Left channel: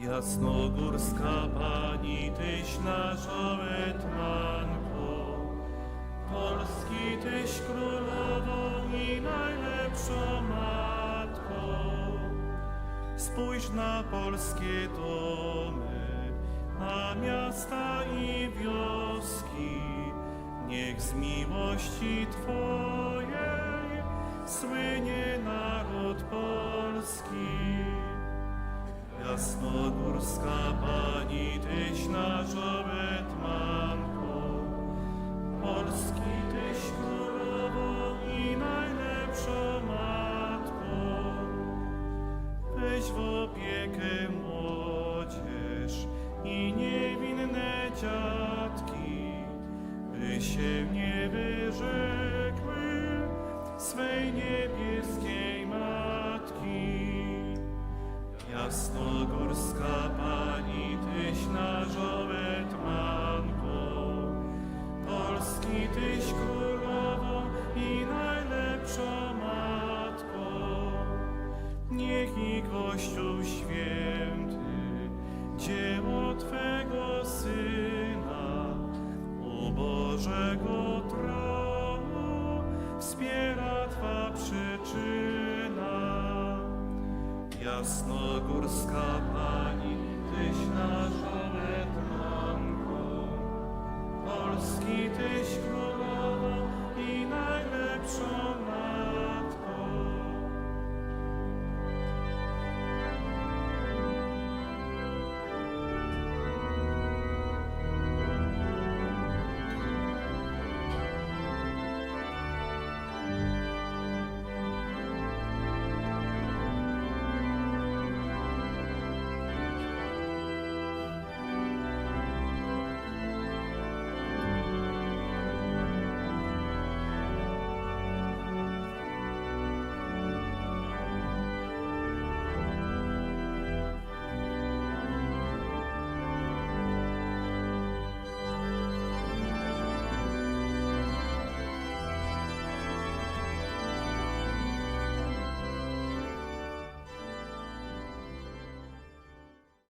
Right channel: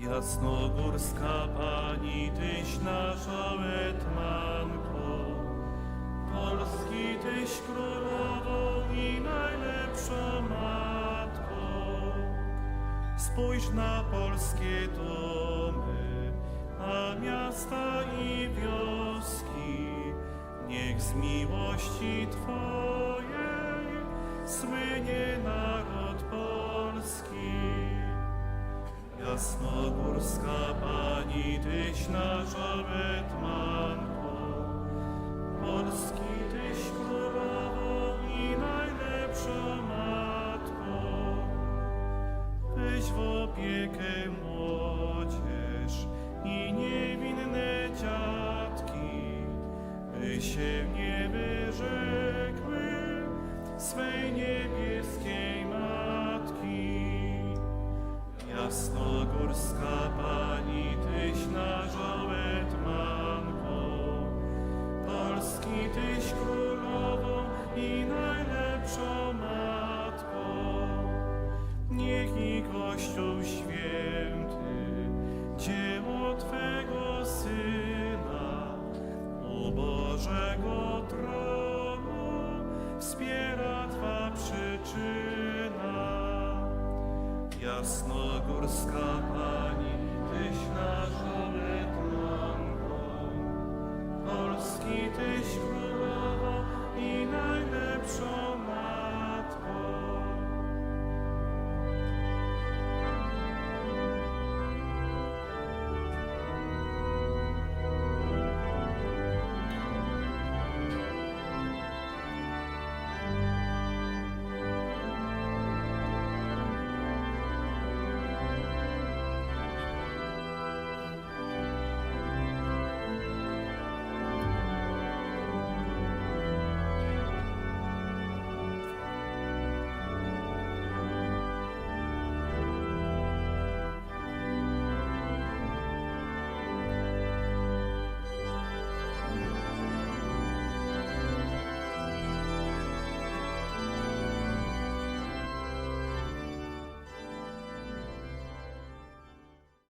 Jasnogórska Pani, Tyś naszą etmanką, Polski Tyś królową i najlepszą matką. Spójrz na polskie domy, na miasta i wioski, niech z miłości Twojej słynie naród polski. Jasnogórska Pani, Tyś naszą etmanką, Polski Tyś królową i najlepszą matką. Weź w opiekę młodzież i niewinne dziatki, by się nie wyrzekły swej niebieskiej Jasnogórska Pani, Tyś naszą etmanką, Polski Tyś królową i najlepszą matką. Niech i Kościół święty, dzieło Twego Syna, u Bożego tronu wspiera Twa przyczyna. Jasnogórska Pani, Tyś naszą etmanką, Polski Tyś królową